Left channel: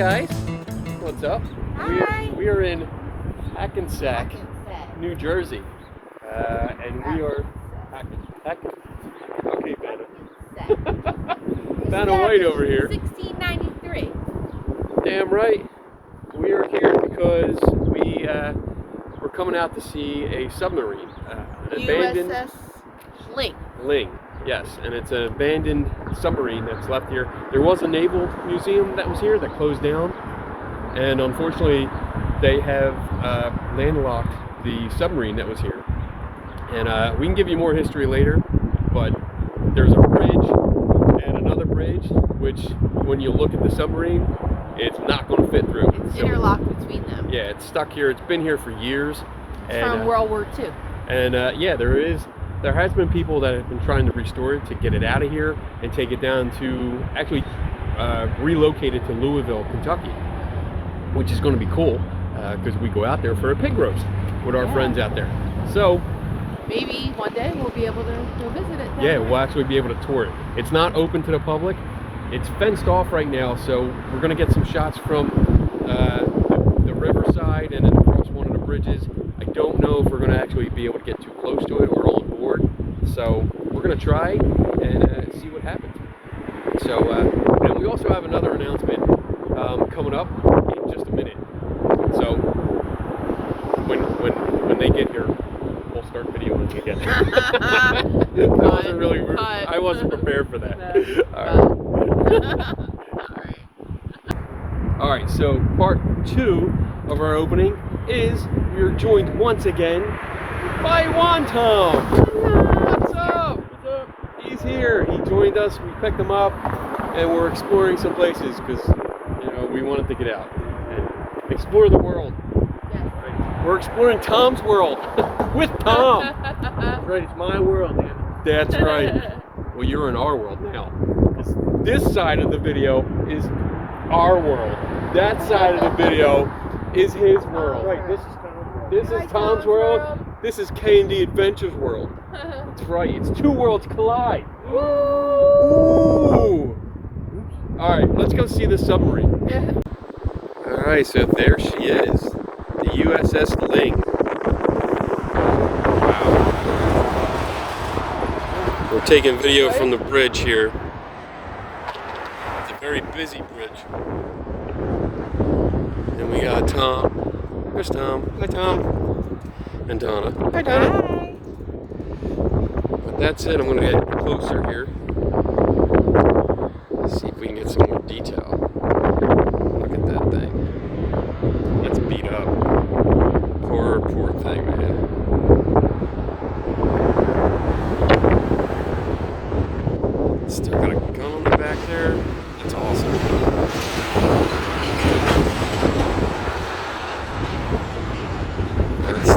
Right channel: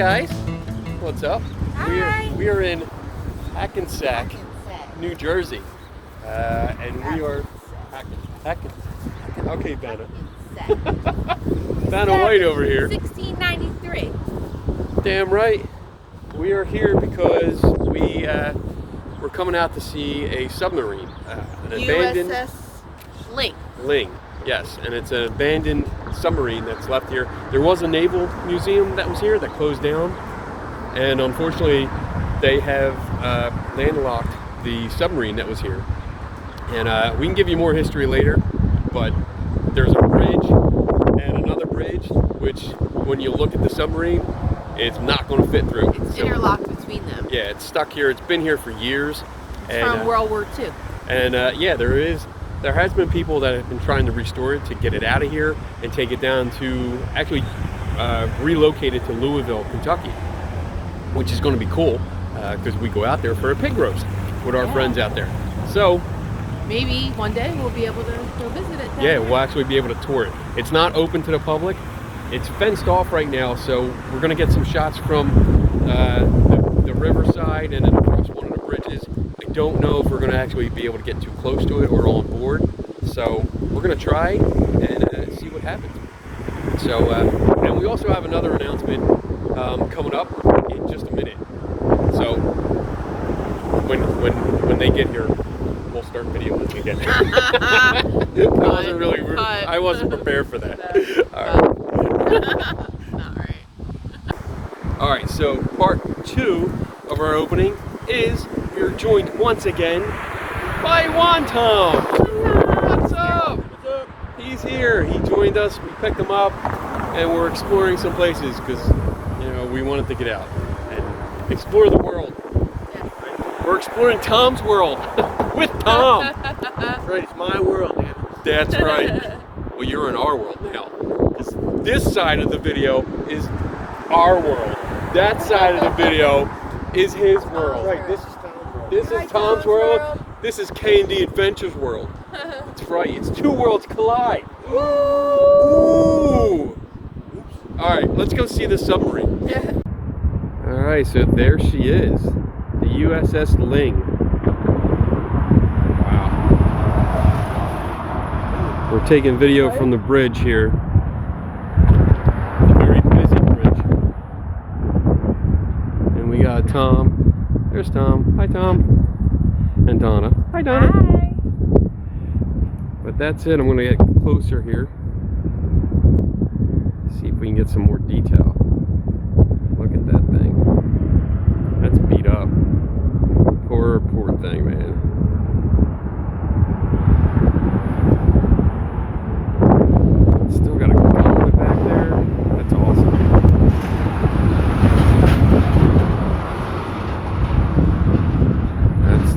guys. What's up? Hi. We are in Hackensack, New Jersey. And we are Hackensack. Okay, got it. Found a white over here. 1693. Damn right. We are here because we're coming out to see a submarine. USS Ling. Ling, yes, and it's an abandoned submarine that's left here. There was a naval museum that was here that closed down, and unfortunately, they have landlocked the submarine that was here. And we can give you more history later, but there's a bridge and another bridge, which when you look at the submarine, it's not going to fit through. It's interlocked between them. Yeah, it's stuck here. It's been here for years. From World War II. And yeah, there has been people that have been trying to restore it, to get it out of here and take it down to actually relocate it to Louisville, Kentucky, which is going to be cool because we go out there for a pig roast with our friends out there. So maybe one day we'll be able to go visit it. Yeah, we'll actually be able to tour it. It's not open to the public. It's fenced off right now, so we're going to get some shots from the riverside and then across one of the bridges. I don't know if we're going to actually be able to get too close to it or on board, so we're going to try and see what happens. So, and we also have another announcement coming up in just a minute. So, when they get here, we'll start the video when they get here. I wasn't prepared for that. All right, so part 2 of our opening is we are joined once again by Tom. What's up? What's up? He's here. He joined us. We picked him up, and we're exploring some places because we wanted to get out and explore the world. Yeah. We're exploring Tom's world with Tom. That's right, it's my world, man. That's right. Well, you're in our world now. Because this side of the video is our world. That side of the video is his world. Right, this is Tom's world. This is Tom's world. This is K&D Adventures world. That's right. It's two worlds collide. Ooh. All right, let's go see the submarine. All right, so there she is, the USS Ling. We're taking video from the bridge here. It's a very busy bridge. And we got Tom. There's Tom. Hi, Tom. And Donna. Hi, Donna. Hi. But that's it. I'm going to get closer here. See if we can get some more detail. Look at that thing. That's beat up. Poor thing, man. Still got a gun back there. That's awesome.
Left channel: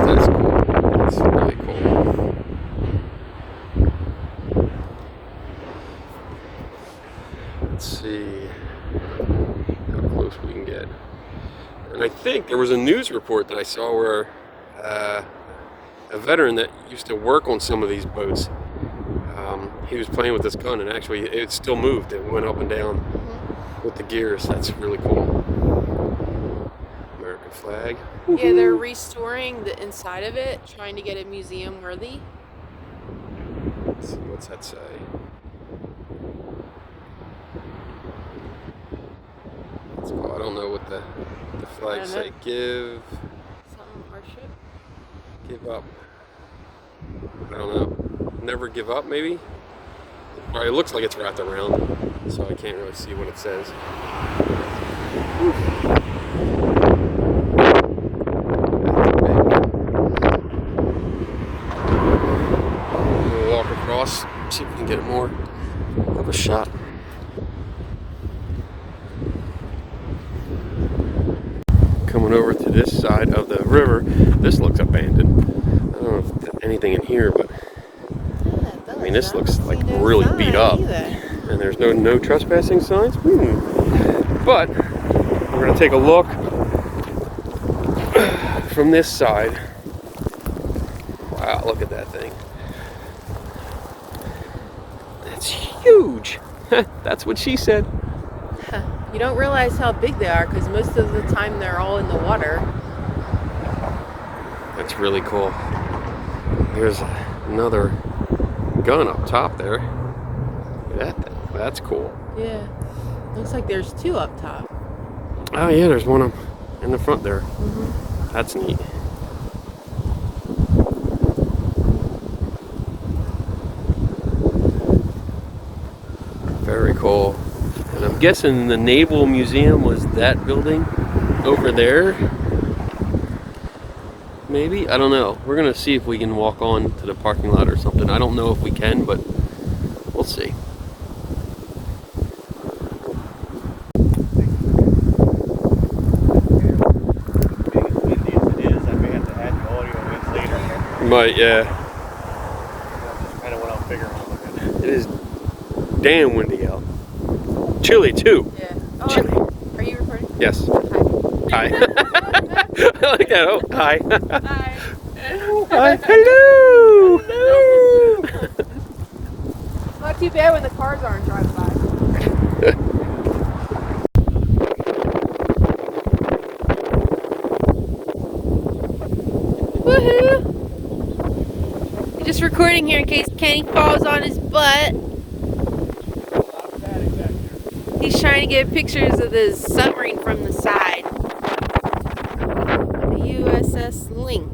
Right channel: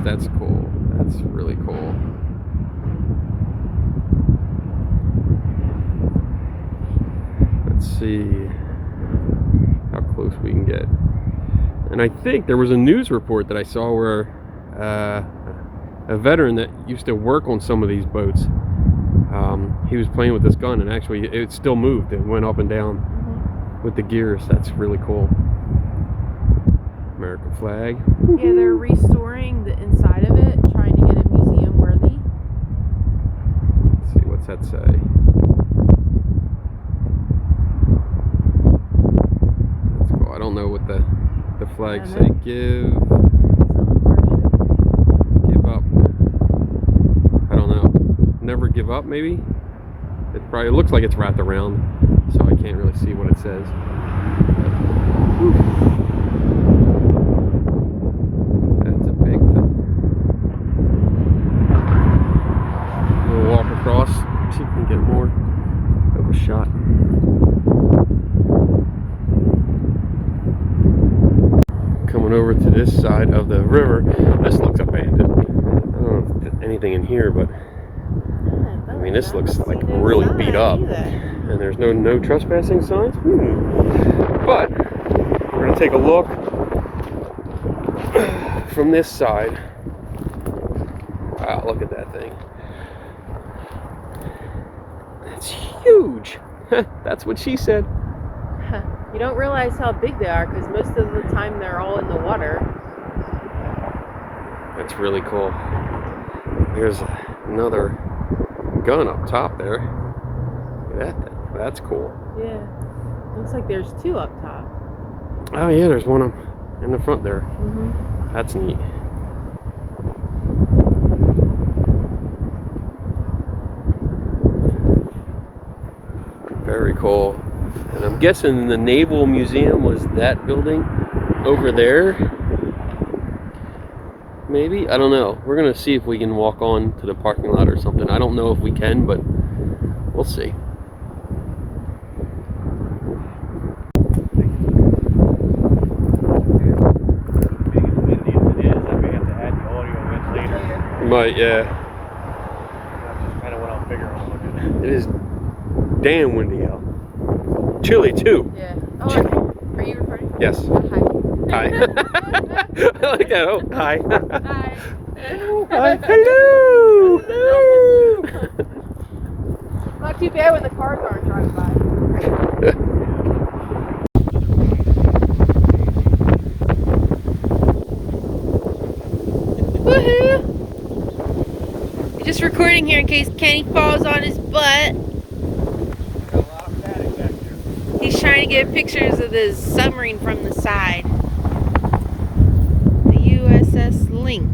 That's cool. That's really cool. Let's see how close we can get. And I think there was a news report that I saw where a veteran that used to work on some of these boats, he was playing with this gun, and actually it still moved. It went up and down with the gears. That's really cool. American flag. Yeah, they're restoring the inside of it, trying to get it museum worthy. Let's see, what's that say? That's cool. I don't know what the flags say. Give up. I don't know. Never give up, maybe? It probably looks like it's wrapped around, so I can't really see what it says. Whew. That's big. We'll walk across, see if we can get more of a shot. Coming over to this side of the river, this looks abandoned. I don't know if there's anything in here, but I mean, this looks like really beat up, and there's no trespassing signs. But we're gonna take a look from this side. Wow, look at that thing. That's huge. That's what she said. You don't realize how big they are because most of the time they're all in the water. That's really cool. There's another gun up top there. Look at that thing. That's cool. Yeah. Looks like there's two up top. Oh yeah, there's one up in the front there. Mm-hmm. That's neat. Very cool. And I'm guessing the Naval Museum was that building over there. Maybe? I don't know. We're gonna see if we can walk on to the parking lot or something. I don't know if we can, but we'll see. Might, yeah. Kind of what I'm figuring out. It is damn windy out. Chilly too. Yeah. Chilly. Are you recording? Yes. Hi. Hi. I like that. Oh, hi. Hi. Hi. Hello. Hello. Not too bad when the cars aren't driving by. Woohoo! Just recording here in case Kenny falls on his butt. He's trying to get pictures of the submarine from the side. The USS Ling.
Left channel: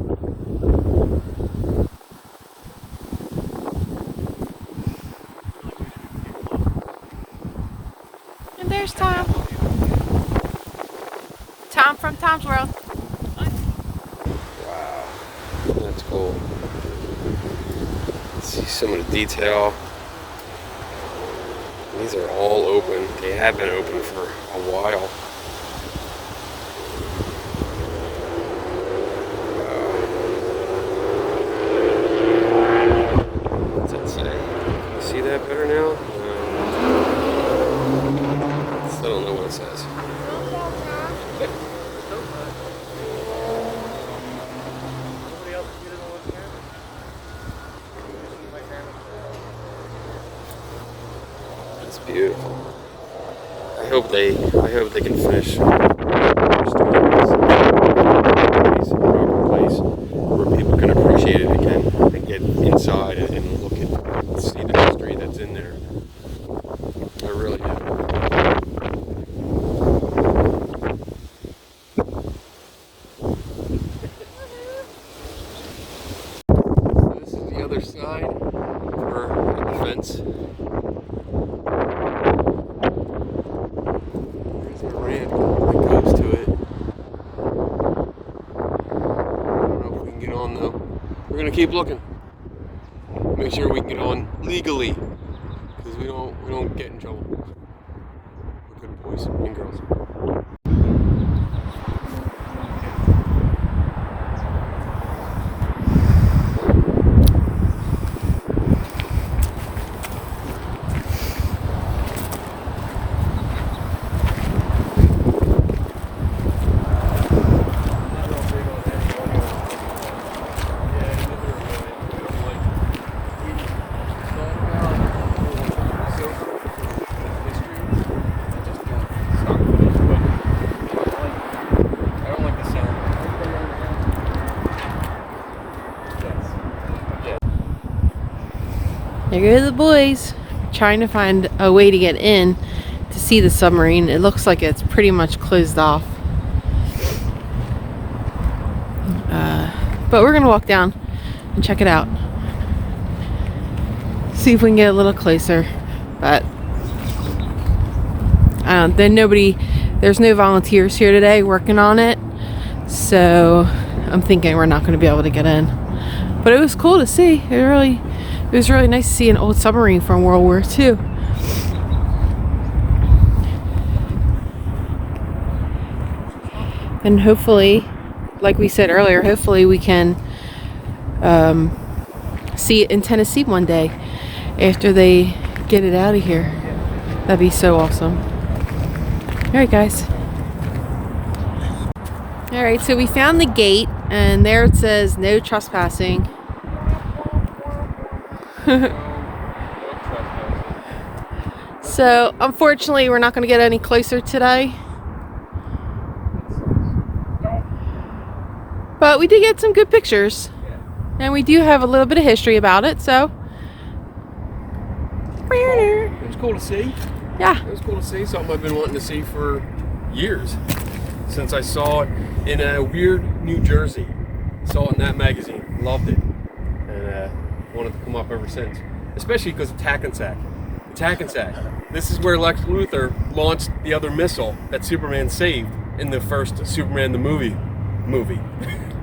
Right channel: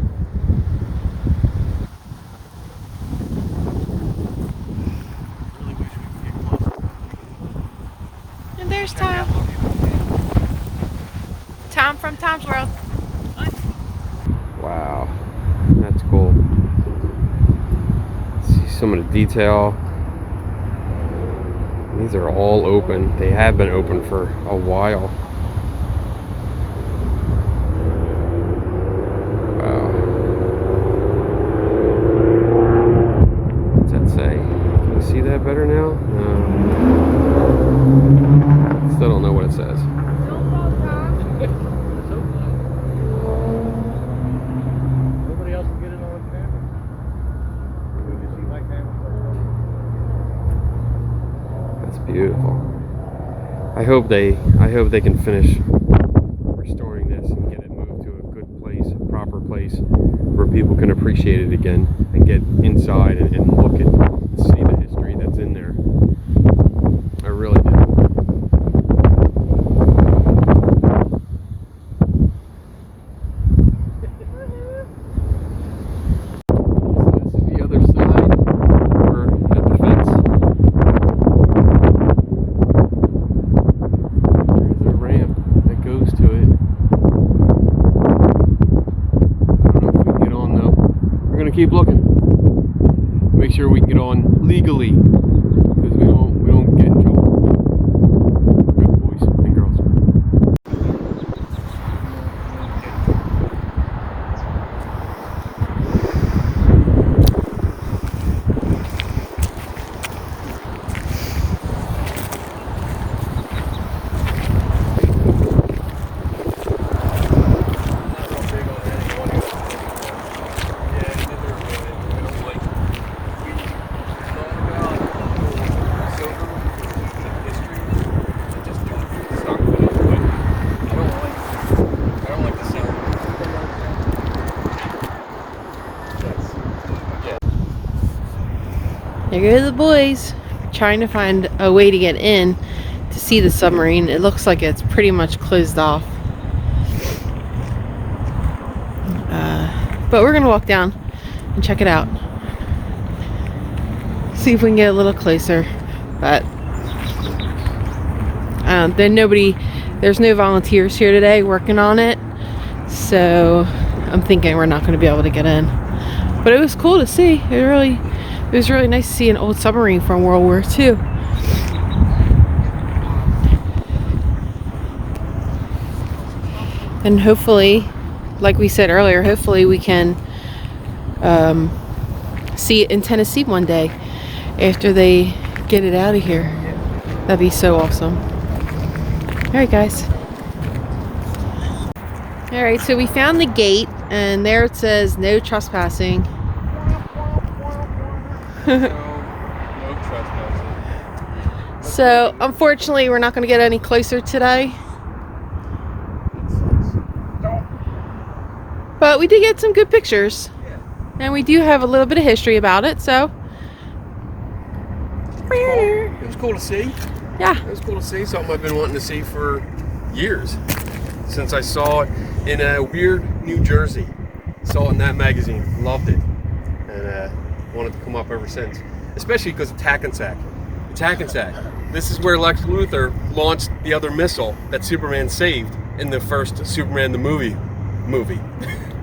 And there's Tom. Tom from Tom's World. Wow. That's cool. See some of the detail. These are all open. They have been open for a while. Wow. What's that say? Can you see that better now? Still don't know what it says. Nobody else can get it on camera. That's beautiful. I hope they can finish restoring this place, a proper place where people can appreciate it again and get inside and look at, see the history that's in there. I really do. So this is the other side. We're at the fence. There's a ramp that goes to it. I don't know if we can get on though. We're gonna keep looking. Make sure we can get on legally, because we don't get in trouble. We're good boys and girls. There go the boys, trying to find a way to get in to see the submarine. It looks like it's pretty much closed off. But we're gonna walk down and check it out. See if we can get a little closer. But there's no volunteers here today working on it. So I'm thinking we're not gonna be able to get in. But it was cool to see. It was really nice to see an old submarine from World War II. And hopefully, like we said earlier, hopefully we can see it in Tennessee one day after they get it out of here. That'd be so awesome. All right, guys. All right, so we found the gate, and there it says no trespassing. No trespassing. So unfortunately, we're not going to get any closer today. But we did get some good pictures. And we do have a little bit of history about it, so. It was cool to see. Yeah. It was cool to see. Something I've been wanting to see for years. Since I saw it in Weird, New Jersey. Saw it in that magazine. Loved it. And wanted to come up ever since. Especially because it's Hackensack. It's Hackensack. This is where Lex Luthor launched the other missile that Superman saved in the first Superman the movie. Movie.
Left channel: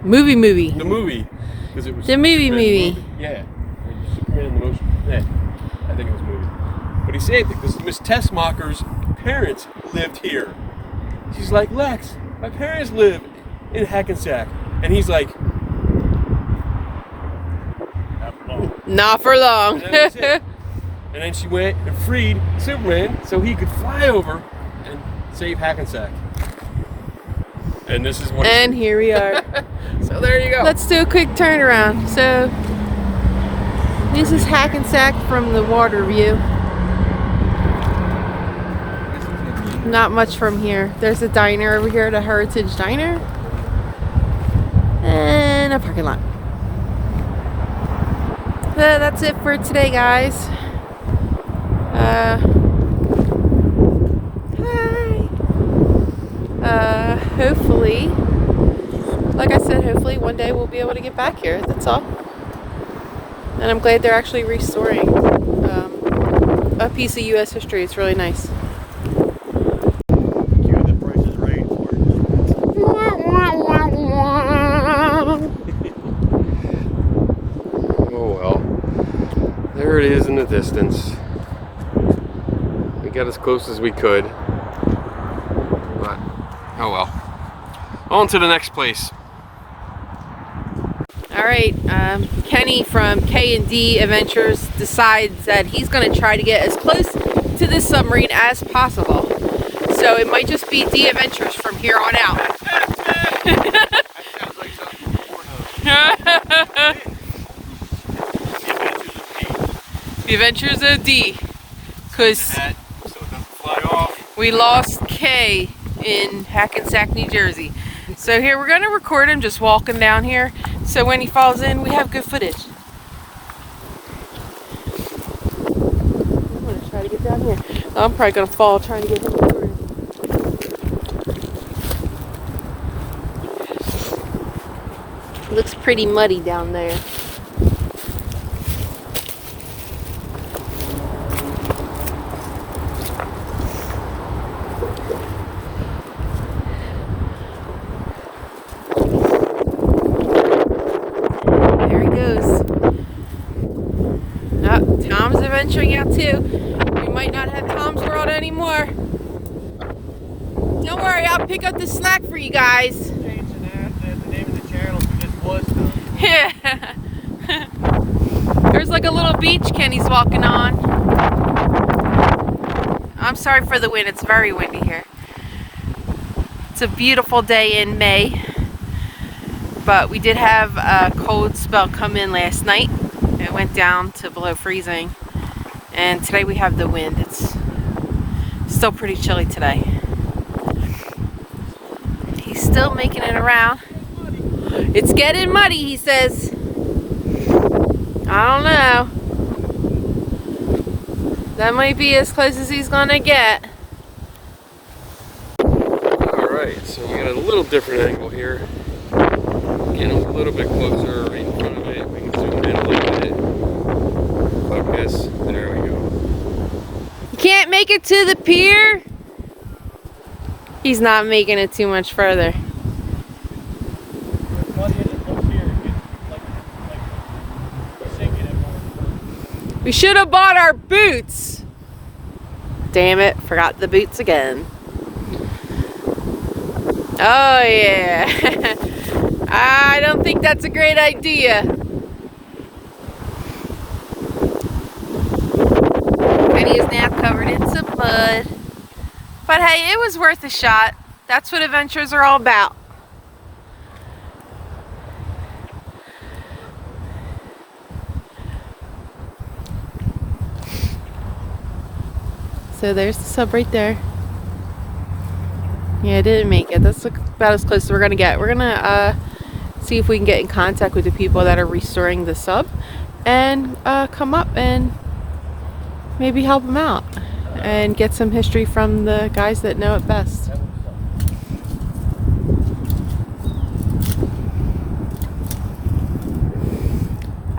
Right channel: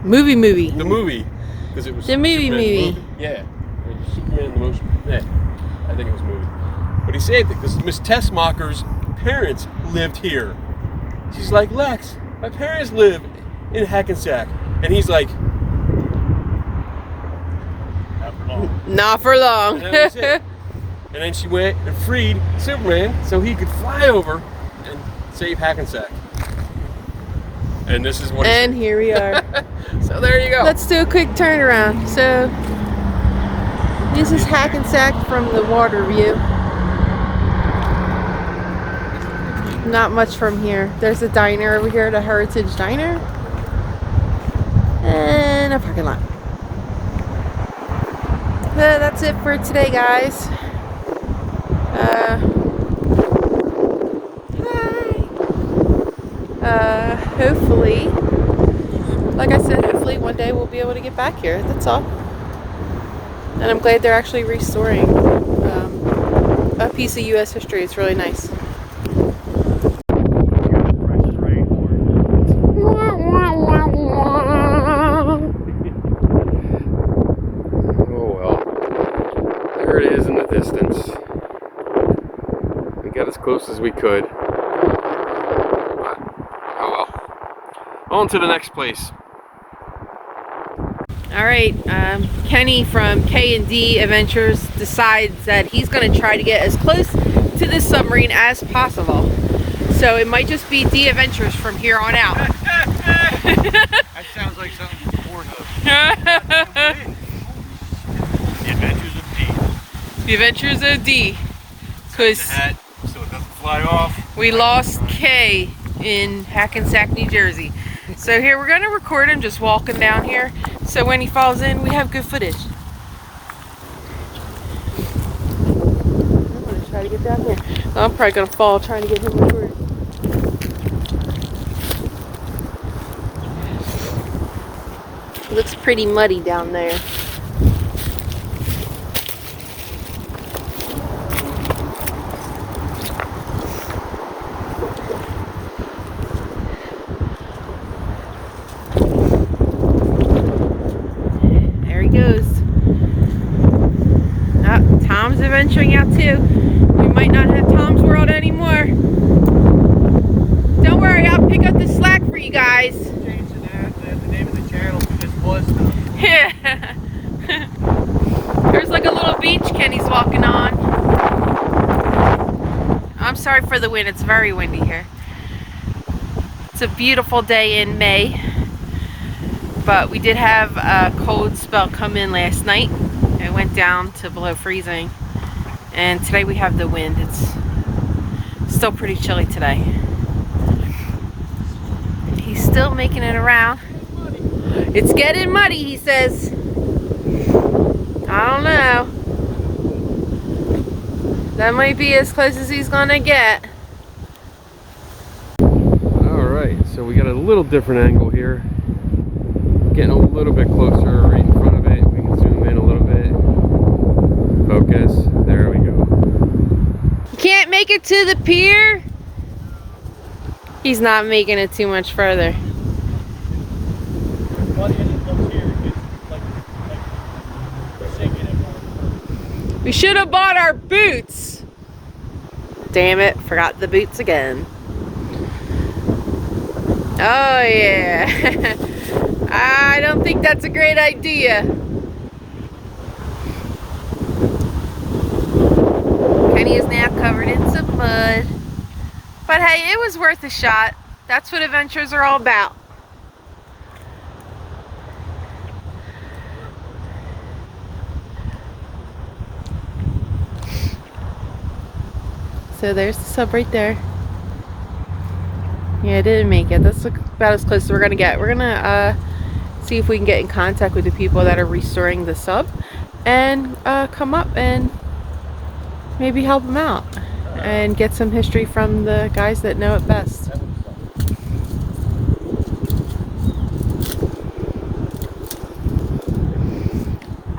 The movie. Because it was The movie. Yeah. Or Superman the most. Yeah. I think it was movie. But he saved it because Miss Tessmacher's parents lived here. She's like, Lex, my parents live in Hackensack. And he's like, Not for long. Not for long. and that was it. And then she went and freed Superman so he could fly over and save Hackensack. And this is what he And said. here we are. So there you go. Let's do a quick turnaround. So this is Hackensack from the water view. Not much from here. There's a diner over here, the Heritage Diner. And a parking lot. So that's it for today, guys. Hopefully, like I said, hopefully one day we'll be able to get back here. That's all. And I'm glad they're actually restoring a piece of U.S. history. It's really nice. Oh well. There it is in the distance. We got as close as we could. But, oh well. On to the next place. All right, Kenny from K&D Adventures decides that he's going to try to get as close to this submarine as possible. So it might just be D Adventures from here on out. That sounds like something before the Adventures of D. The Adventures of D. Because Hat, so it doesn't fly off. we lost K in Hackensack, New Jersey. So here we're going to record him just walking down here. So when he falls in, we have good footage. I'm going to try to get down here. I'm probably going to fall trying to get him recorded. It looks pretty muddy down there. Tom's adventuring out too. We might not have Tom's World anymore. Don't worry, I'll pick up the slack for you guys. Changing the name of the channel to this was Tom's World. Yeah. There's like a little beach Kenny's walking on. I'm sorry for the wind, it's very windy here. It's a beautiful day in May. But we did have a cold spell come in last night. It went down to below freezing. And today we have the wind. It's still pretty chilly today. He's still making it around. It's getting muddy, he says. I don't know. That might be as close as he's gonna get. Alright, so we got a little different angle here. Getting a little bit closer right in front of it. We can zoom in a little bit. Focus. There we go. You can't make it to the pier? He's not making it too much further. We should have bought our boots. Damn it, forgot the boots again. Oh yeah. I don't think that's a great idea. Kenny is now covered in some mud. But hey, it was worth a shot. That's what adventures are all about. So there's the sub right there. Yeah, I didn't make it. That's about as close as we're gonna get. We're gonna see if we can get in contact with the people that are restoring the sub and come up and maybe help them out and get some history from the guys that know it best.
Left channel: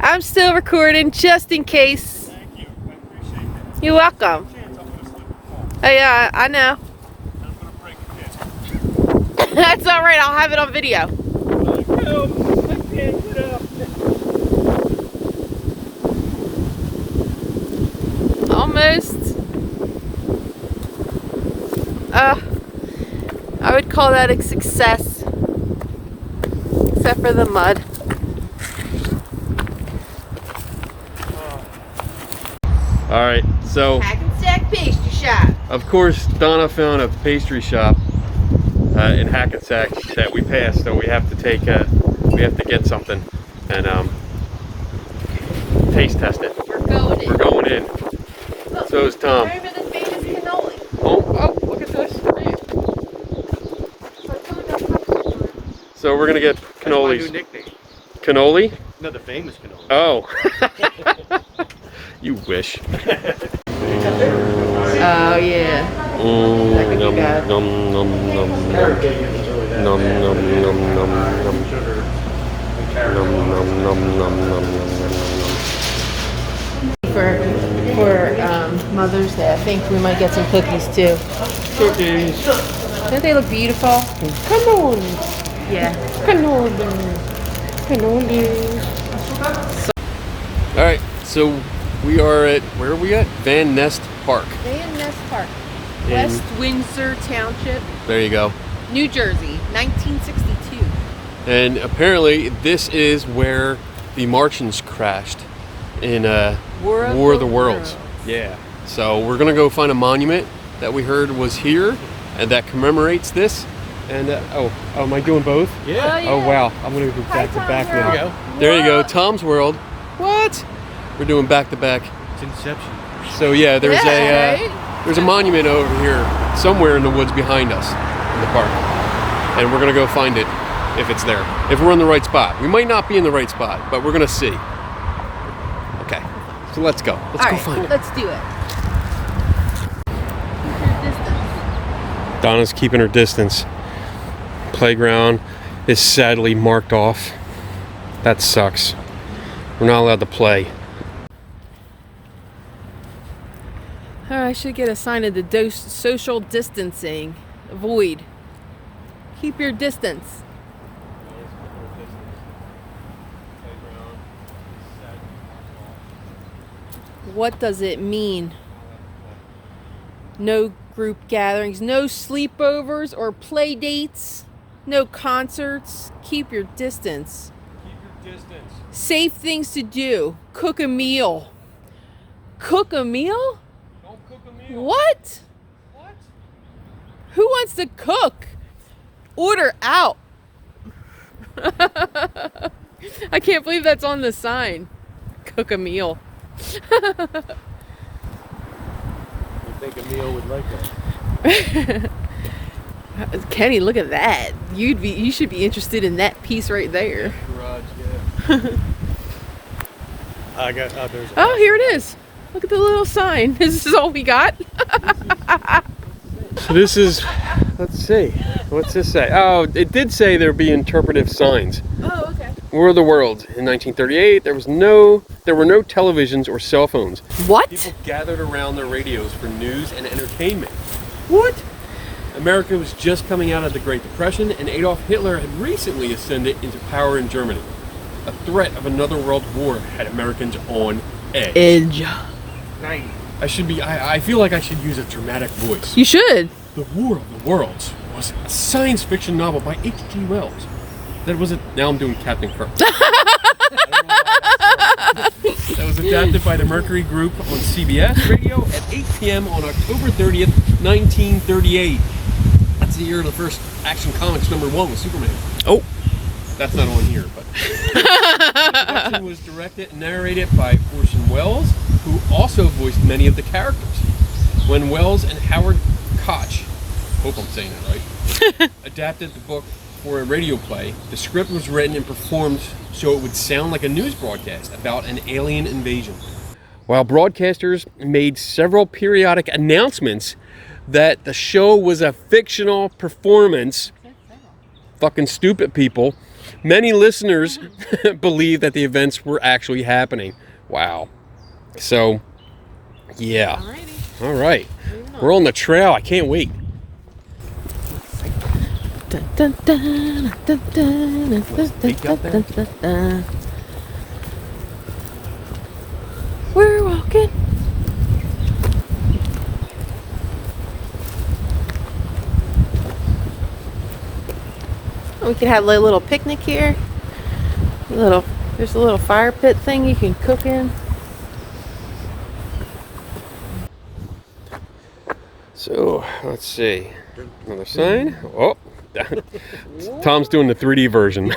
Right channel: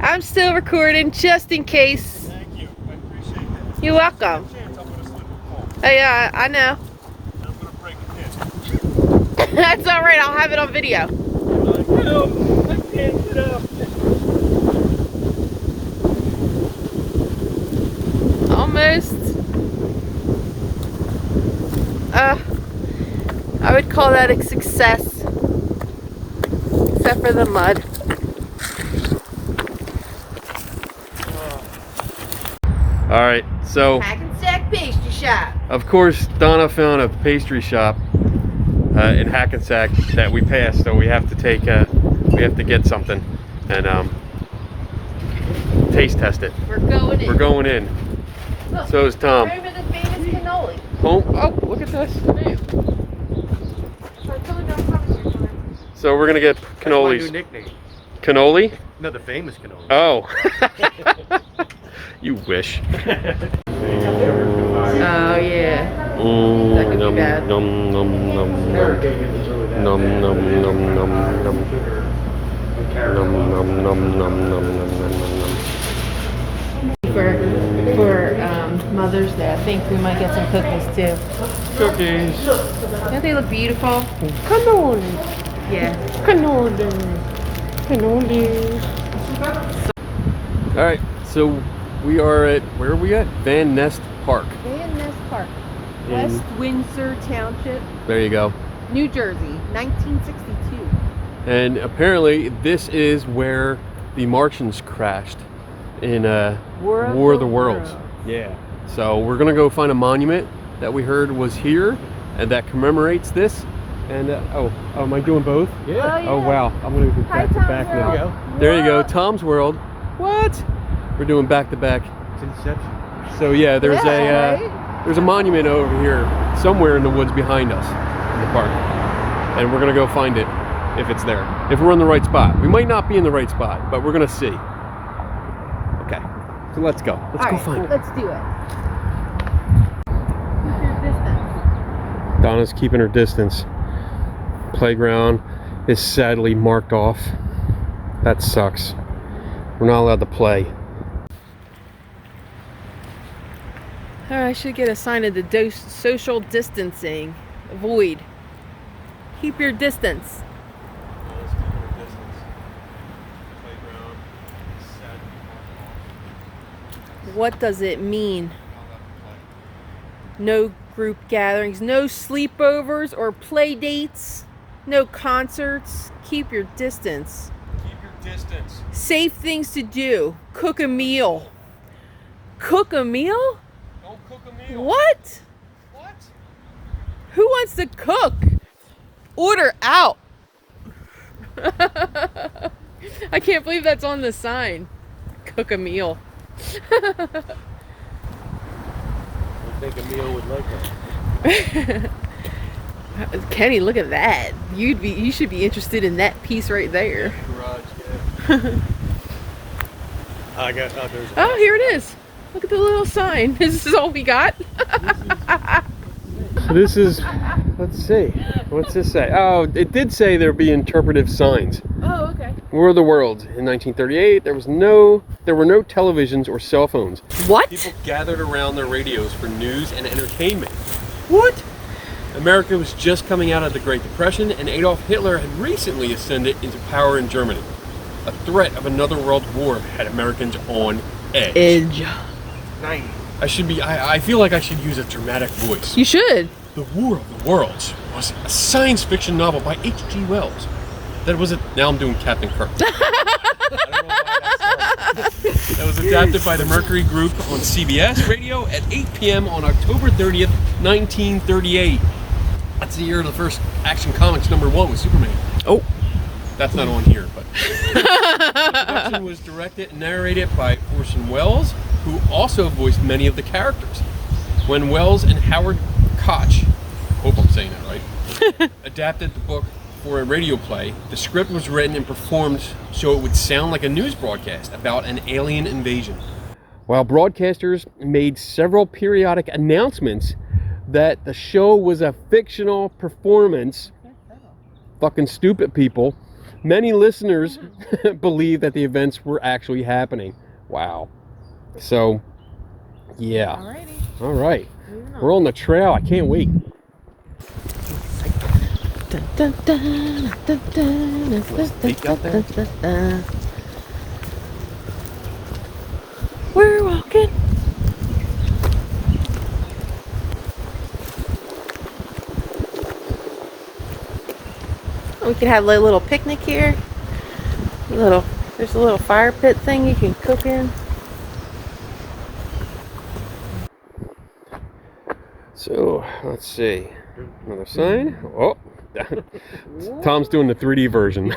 I'm still recording just in case. Thank you. I appreciate that. You're welcome. Chance, I'm gonna slip and fall. Oh yeah, I know. And I'm gonna break a pin. That's all right. I'll have it on video. I can't get up. Almost. I would call that a success. Except for the mud. All right, so Hackensack pastry shop. of course Donna found a pastry shop in Hackensack that we passed, so we have to get something and taste test it. We're going in. We're going in. Look, So is Tom. remember the famous cannoli? Oh, look at this. So we're gonna get cannolis. Cannoli? No, the famous cannoli. Oh. You wish. Oh yeah. Num num num num num. Num num num num num. Num num num num num num num. For Mother's Day, I think we might get some cookies too. Cookies. Don't they look beautiful? Cannoli. Yeah. Cannoli. Cannoli. All right, so we are at, where are we at? Van Nest Park. Van Nest Park, In- West Windsor Township, There you go. New Jersey, 1962. And apparently this is where the Martians crashed in War of the Worlds. Yeah. So we're gonna go find a monument that we heard was here and that commemorates this. And oh, am I doing both? Yeah. Oh wow, I'm gonna go back to back now. There you go. There you go, Tom's World. What? We're doing back to back. It's Inception. So yeah, there's Right? there's a monument over here somewhere in the woods behind us in the park, and we're gonna go find it if it's there. If we're in the right spot, we might not be in the right spot, but we're gonna see. Okay, so let's go. Let's All go right, find it. let's do it. Keep your distance. Donna's keeping her distance. Playground is sadly marked off. That sucks. We're not allowed to play. I should get a sign of the social distancing. Avoid. Keep your distance. What does it mean? No group gatherings, no sleepovers or play dates, no concerts. Keep your distance. Keep your distance. Safe things to do. Cook a meal. Cook a meal? Don't cook a meal. What? What? Who wants to cook? Order out. I can't believe that's on the sign. Cook a meal. You think a meal would like that? Kenny, look at that. You should be interested in that piece right there. Garage, yeah. I got there's Oh, here it is. Look at the little sign. This is all we got. So this is, let's see, what's this say? Oh, it did say there'd be interpretive signs. Oh, okay. War of the Worlds in 1938. There were no televisions or cell phones. What? People gathered around their radios for news and entertainment. What? America was just coming out of the Great Depression, and Adolf Hitler had recently ascended into power in Germany. A threat of another world war had Americans on edge. Edge. 90. I feel like I should use a dramatic voice. You should. The War of the Worlds was a science fiction novel by H.G. Wells. Now I'm doing Captain Kirk. That was adapted by the Mercury Group on CBS Radio at 8 p.m. on October 30th, 1938. That's the year of the first Action Comics #1 with Superman. Oh, that's not on here, but the production was directed and narrated by Orson Welles, who also voiced many of the characters. When Wells and Howard Koch, hope I'm saying that right, adapted the book for a radio play, the script was written and performed so it would sound like a news broadcast about an alien invasion. While broadcasters made several periodic announcements that the show was a fictional performance, fucking stupid people, many listeners believed that the events were actually happening. Wow. So, yeah. Alrighty. All right. We're on the trail. I can't wait. Dun, dun, dun, dun, dun, dun, dun, dun. We're walking. We could have a little picnic here. There's a little fire pit thing you can cook in. So, let's see. Another sign. Oh, Tom's doing the 3D version.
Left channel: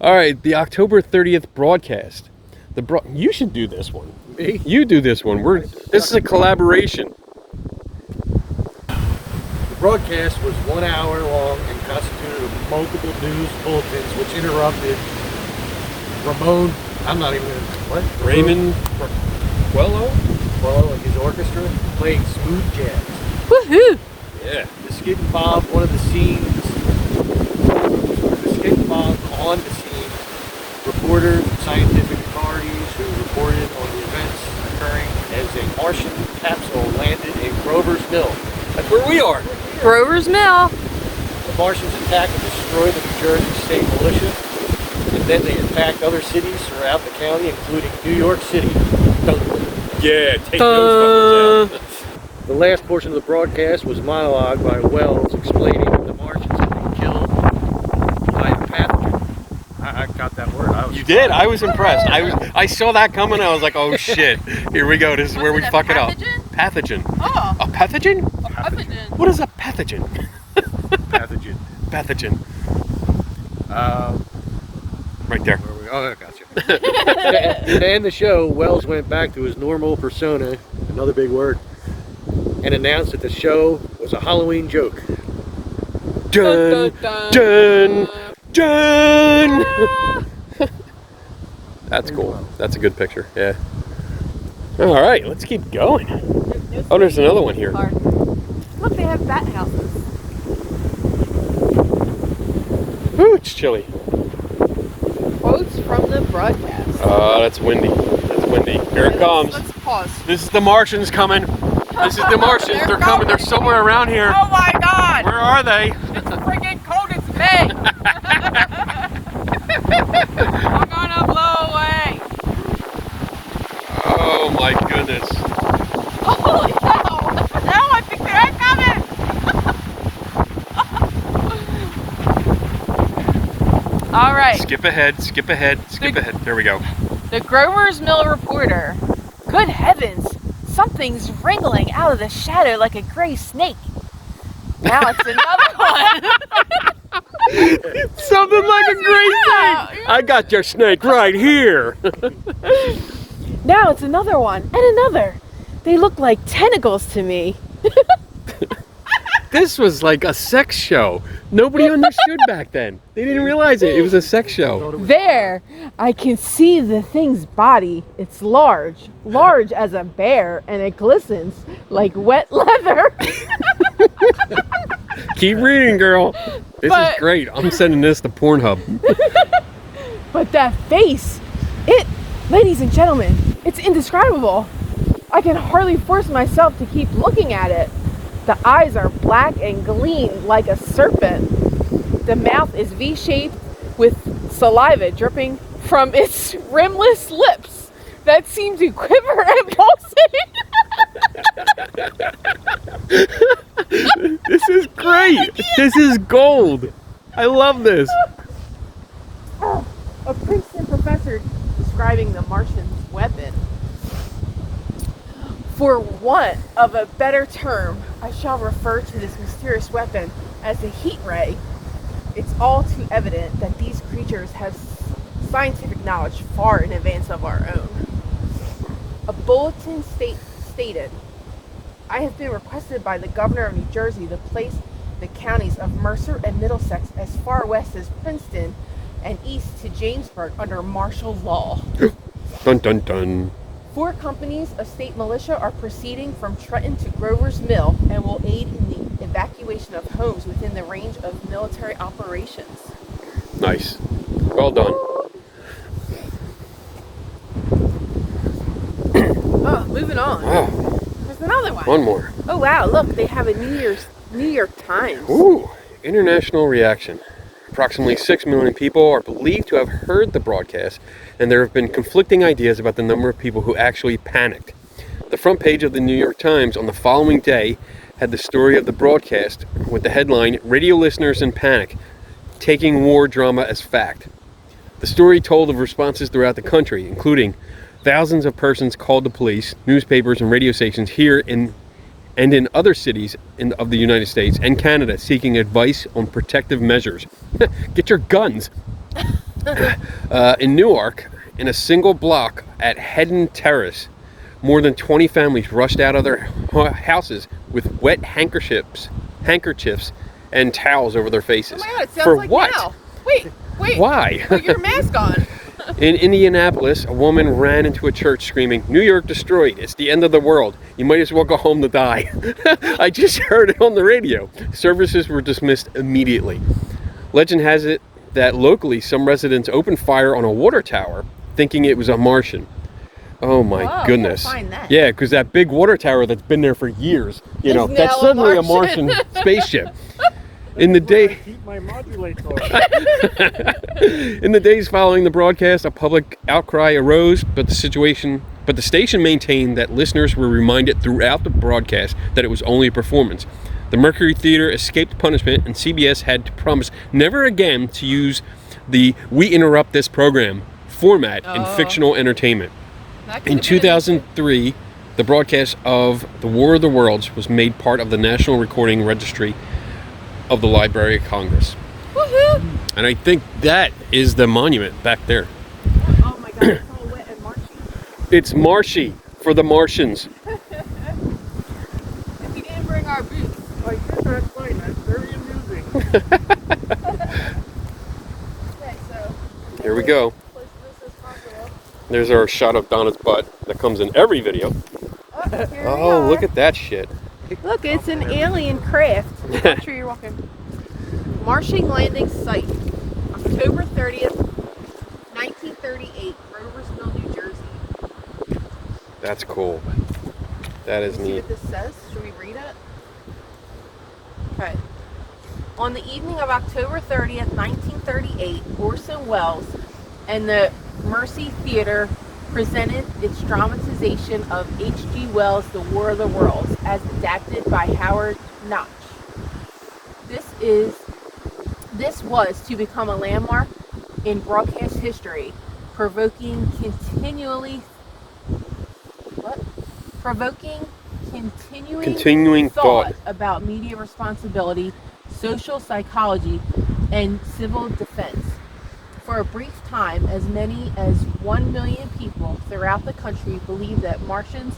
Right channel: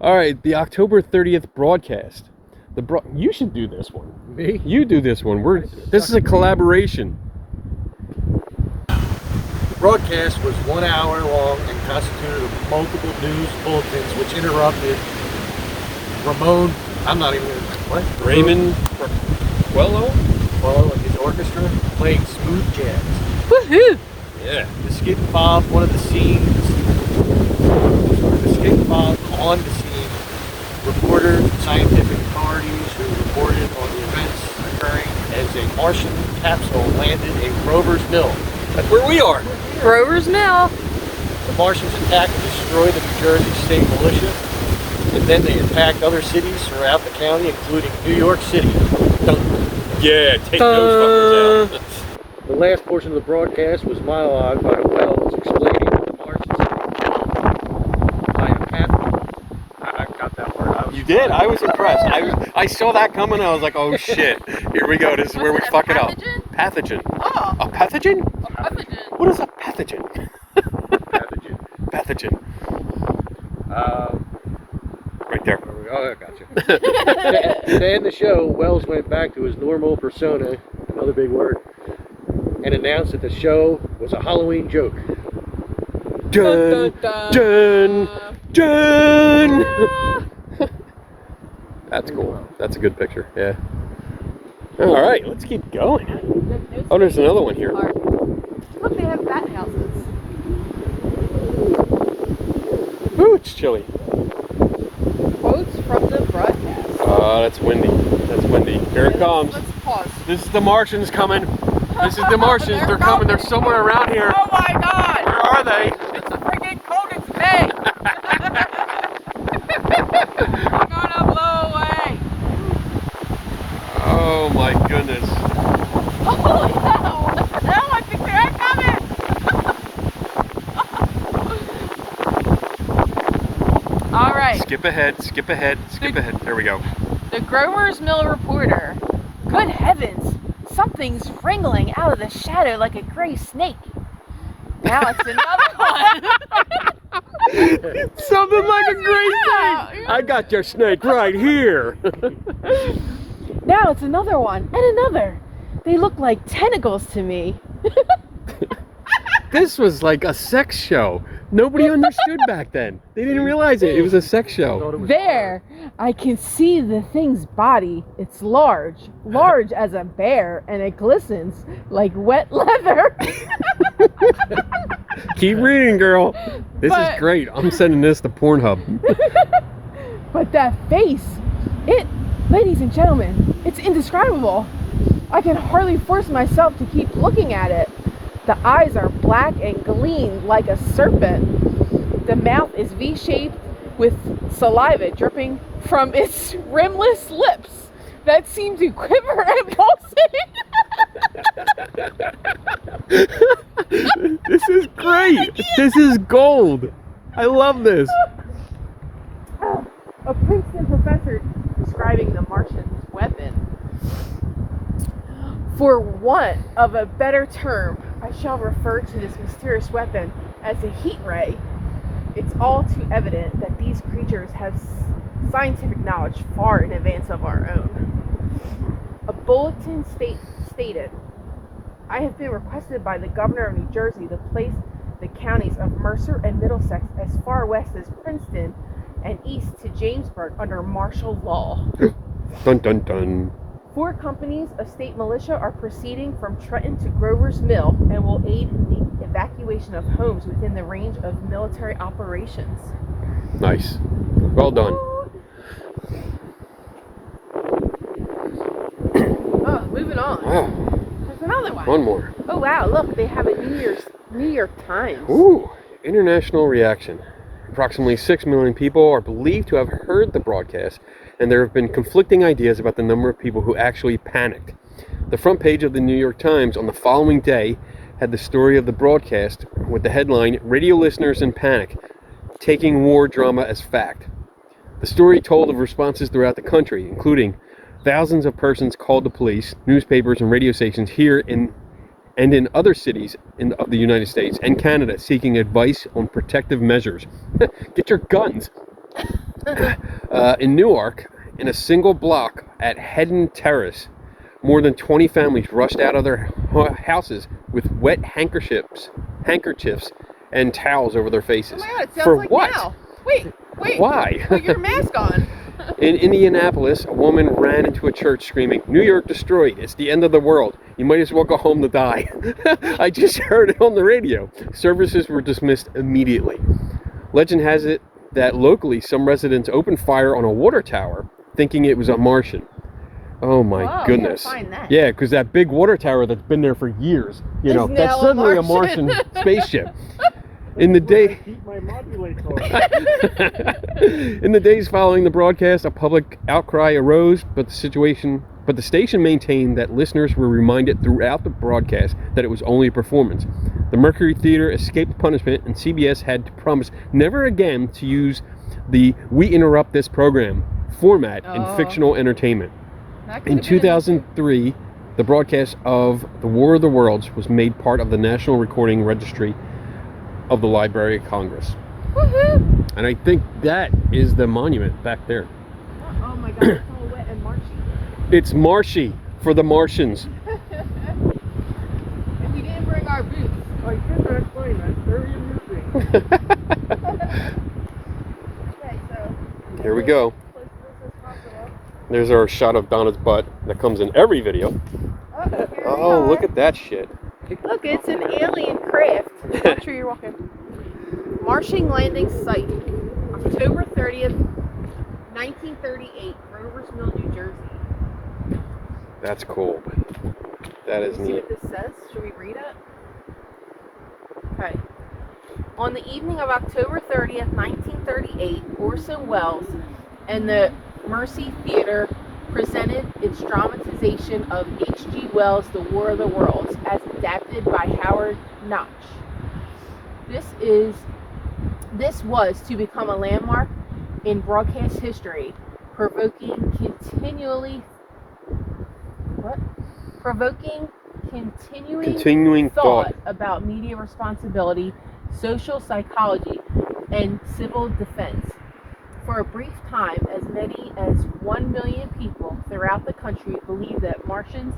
All right, the October 30th broadcast. You should do this one. Me? You do this one. This is a collaboration. The broadcast was 1 hour long and constituted of multiple news bulletins which interrupted Raymond Quello and his orchestra playing smooth jazz. Woohoo! Yeah. The Skip and Bob, on the scene, reporter, scientific authorities who reported on the events occurring as a Martian capsule landed in Grover's Mill. That's where we are. Grover's Mill. The Martians attacked and destroyed the New Jersey State Militia, and then they attacked other cities throughout the county, including New York City. Yeah, take those fuckers out. The last portion of the broadcast was monologue by Wells explaining that the Martians had been killed by a pathogen. I got that word. You did? I was impressed. I saw that coming. I was like, oh shit. Here we go. This is where we fuck it up. Pathogen. Oh. A pathogen? A pathogen. What is a pathogen? Pathogen. Pathogen. Right there. Oh, I got you. To end the show, Wells went back to his normal persona, another big word, and announced that the show was a Halloween joke. Dun, dun, dun. That's cool. That's a good picture. Yeah. All right, let's keep going. Oh, there's another one here. Look, they have bat houses. Ooh, it's chilly. Quotes from the broadcast. That's windy. That's windy. Here it comes. Let's pause. This is the Martians coming. This is the Martians. They're coming. They're somewhere around here. Oh my God! Where are they? It's freaking cold as May. I'm gonna blow away. Oh my goodness. Holy hell! Now I think they're coming. All right. Skip ahead. Skip ahead. Skip ahead. There we go. The Grover's Mill reporter. Good heavens! Something's wriggling out of the shadow like a gray snake. Now it's another one. Something like a great snake. I got your snake right here. Now it's another one and another. They look like tentacles to me. This was like a sex show. Nobody understood back then. They didn't realize it. It was a sex show. There, I can see the thing's body. It's large as a bear, and it glistens like wet leather. Keep reading, girl. This is great. I'm sending this to Pornhub. But that face, ladies and gentlemen, it's indescribable. I can hardly force myself to keep looking at it. The eyes are black and gleam like a serpent. The mouth is V-shaped with saliva dripping from its rimless lips that seem to quiver and pulsate. This is great. This is gold. I love this. A Princeton professor describing the Martian's weapon. For want of a better term, I shall refer to this mysterious weapon as a heat ray. It's all too evident that these creatures have scientific knowledge far in advance of our own. A bulletin stated, "I have been requested by the governor of New Jersey to place the counties of Mercer and Middlesex as far west as Princeton and east to Jamesburg under martial law." Dun dun dun. 4 companies of state militia are proceeding from Trenton to Grover's Mill and will aid in the evacuation of homes within the range of military operations. Nice. Well done. Oh, moving on. Wow. There's another one. One more. Oh wow, look, they have a New York Times. Ooh. International reaction. Approximately 6 million people are believed to have heard the broadcast, and there have been conflicting ideas about the number of people who actually panicked. The front page of the New York Times on the following day had the story of the broadcast with the headline, "Radio Listeners in Panic, Taking War Drama as Fact." The story told of responses throughout the country, including thousands of persons called the police, newspapers and radio stations here and in other cities of the United States and Canada seeking advice on protective measures. Get your guns. In Newark, in a single block at Hedden Terrace, more than 20 families rushed out of their houses with wet handkerchiefs and towels over their faces. Oh my God, it sounds For like what? now. Wait. Why? Put your mask on. In Indianapolis, a woman ran into a church screaming, "New York destroyed. It's the end of the world. You might as well go home to die." I just heard it on the radio. Services were dismissed immediately. Legend has it that locally some residents opened fire on a water tower thinking it was a Martian. Oh my Wow, goodness. we gotta find that. Yeah, because that big water tower that's been there for years, Is that's now a suddenly a Martian. Martian spaceship. In the day Keep my modulate on. In the days following the broadcast, a public outcry arose, but the station maintained that listeners were reminded throughout the broadcast that it was only a performance. The Mercury Theater escaped punishment, and CBS had to promise never again to use the "we interrupt this program" format in fictional entertainment. In 2003, the broadcast of The War of the Worlds was made part of the National Recording Registry of the Library of Congress. Woohoo! And I think that is the monument back there. Oh my God, it's all wet and marshy. It's marshy for the Martians. We didn't bring our boots. I think that's fine. That's very amusing. Okay, so Here we go. close to this as possible. There's our shot of Donna's butt that comes in every video. Here we Oh, are. look at that shit. Look, it's an alien craft. Make sure you're walking. Martian landing site, October 30th, 1938, Grover's Mill, New Jersey. That's cool. That is See neat. what this says? Should we read it? Okay. On the evening of October 30th, 1938, Orson Welles and the Mercy Theater presented its dramatization of H.G. Wells' The War of the Worlds as adapted by Howard Notch. This was to become a landmark in broadcast history, provoking continuing thought about media responsibility, social psychology, and civil defense. For a brief time, as many as 1 million people throughout the country believed that Martians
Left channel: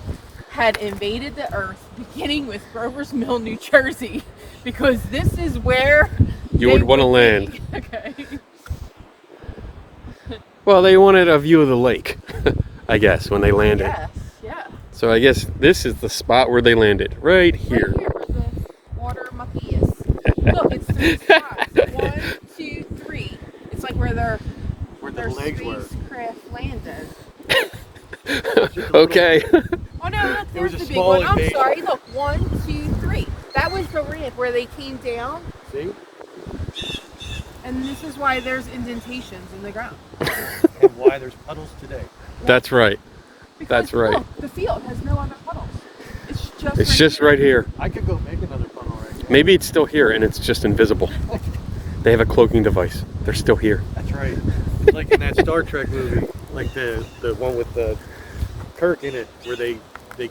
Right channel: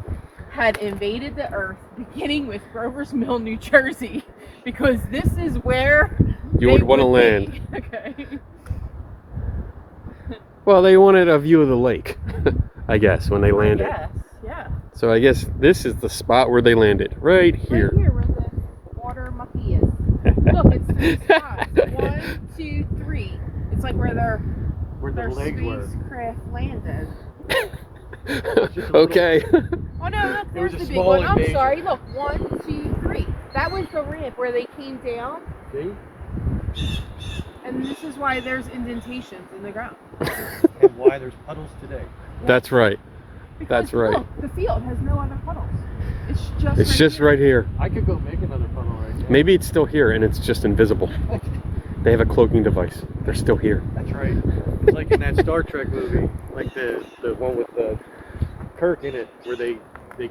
had invaded the Earth, beginning with Grover's Mill, New Jersey, because this is where You would want to land. Okay. Well, they wanted a view of the lake, I guess, when they landed. Yes, yeah. So I guess this is the spot where they landed, right here. Right here where the water mucky is. Look, it's 3 spots. 1, 2, 3. It's like where their spacecraft landed. Okay. Oh no, look, There was there's a the big small one. I'm invasion. sorry. Look, 1, 2, 3. That was the ramp where they came down, See? and this is why there's indentations in the ground. And why there's puddles today. That's right. Because, That's right. Look, the field has no other puddles. It's just right here. I could go make another puddle right there. Maybe it's still here and it's just invisible. They have a cloaking device. They're still here. That's right. It's like in that Star Trek movie, like the one with the Kirk in it, where they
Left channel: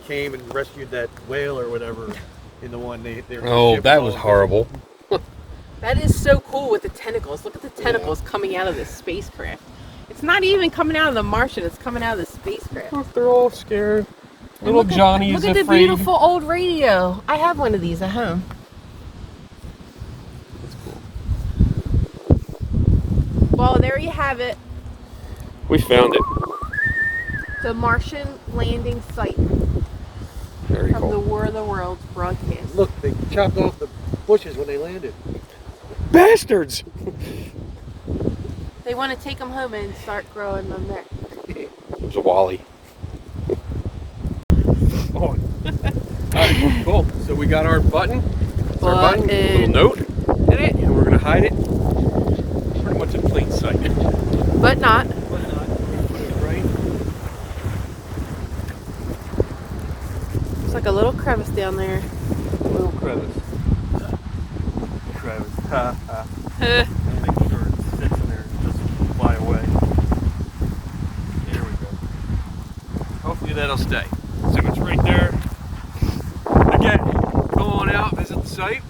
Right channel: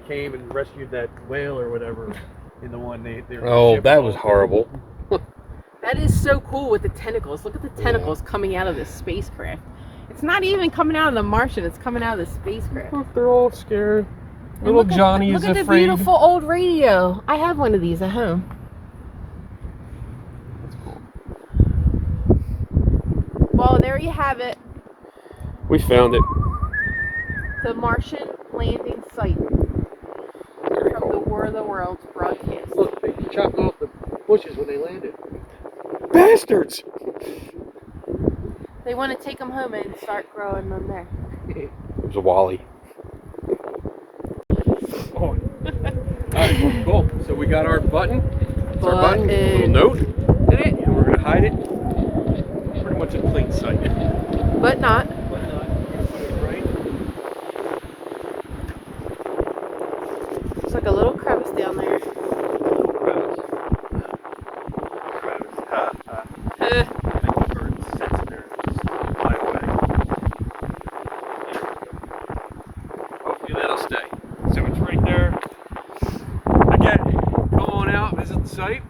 came and rescued that whale or whatever. In the one they were. Oh, that was horrible. That is so cool with the tentacles. Look at the tentacles coming out of this spacecraft. It's not even coming out of the Martian. It's coming out of the spacecraft. Look, they're all scared. Little Johnny is Look at the afraid. beautiful old radio. I have one of these at home. That's cool. Well, there you have it. We found it. The Martian landing site Very from the cool. War of the Worlds broadcast. Look, they chopped off the bushes when they landed. Bastards! They want to take them home and start growing them there. There's a Wally. Oh. Alright, cool. So we got our button. It's our button, a little note in it, and we're going to hide it pretty much in plain sight. But not. But not. Right? It's like a little crevice down there. Little crevice. Crevice. Ha, ha. Hopefully that'll stay. So it's right there. Again, come on out, visit the site,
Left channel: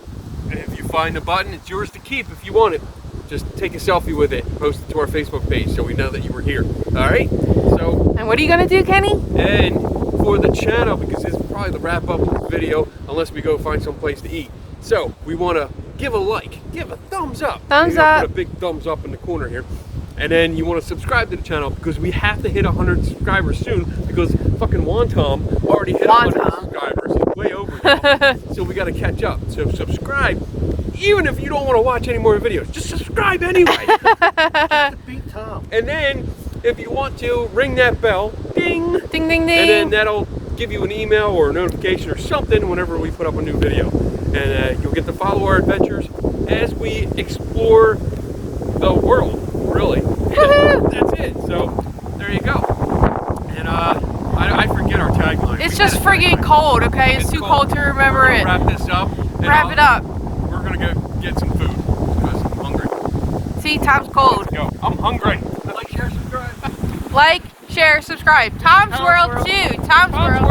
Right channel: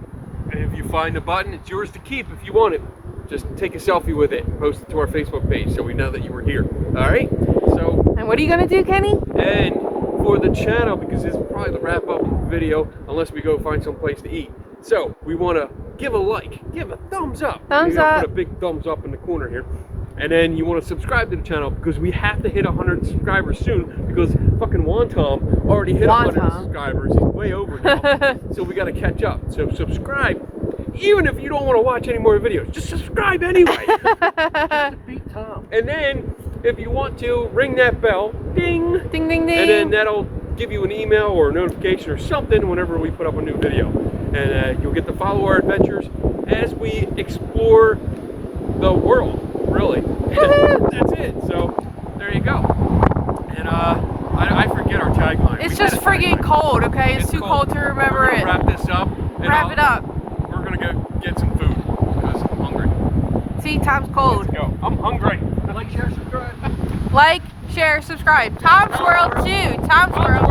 and if you find the button, it's yours to keep if you want it. Just take a selfie with it, post it to our Facebook page so we know that you were here. Alright? So, And what are you going to do, Kenny? and for the channel, because this is probably the wrap up video, unless we go find some place to eat. So, we want to give a like, give a thumbs up. Thumbs Maybe I'll up. put a big thumbs up in the corner here. And then you want to subscribe to the channel because we have to hit 100 subscribers soon because fucking Wontom already hit 100 Wontom. subscribers. He's way over now. So we got to catch up. So subscribe, even if you don't want to watch any more videos. Just subscribe anyway. Beat Tom. And then if you want to, ring that bell. Ding. Ding, ding, ding. And then that'll give you an email or a notification or something whenever we put up a new video. And you'll get to follow our adventures as we explore the world, really. That's it. So there you go. And I forget our tagline. It's We just had a friggin' tagline. cold, okay? It's too cold to remember We're gonna it. wrap this up. And Wrap it up. We're gonna go get some food because I'm hungry. See, Tom's cold. Let's go. I'm hungry. Like, share, subscribe. Like, share, subscribe. Tom's World too. Tom's World.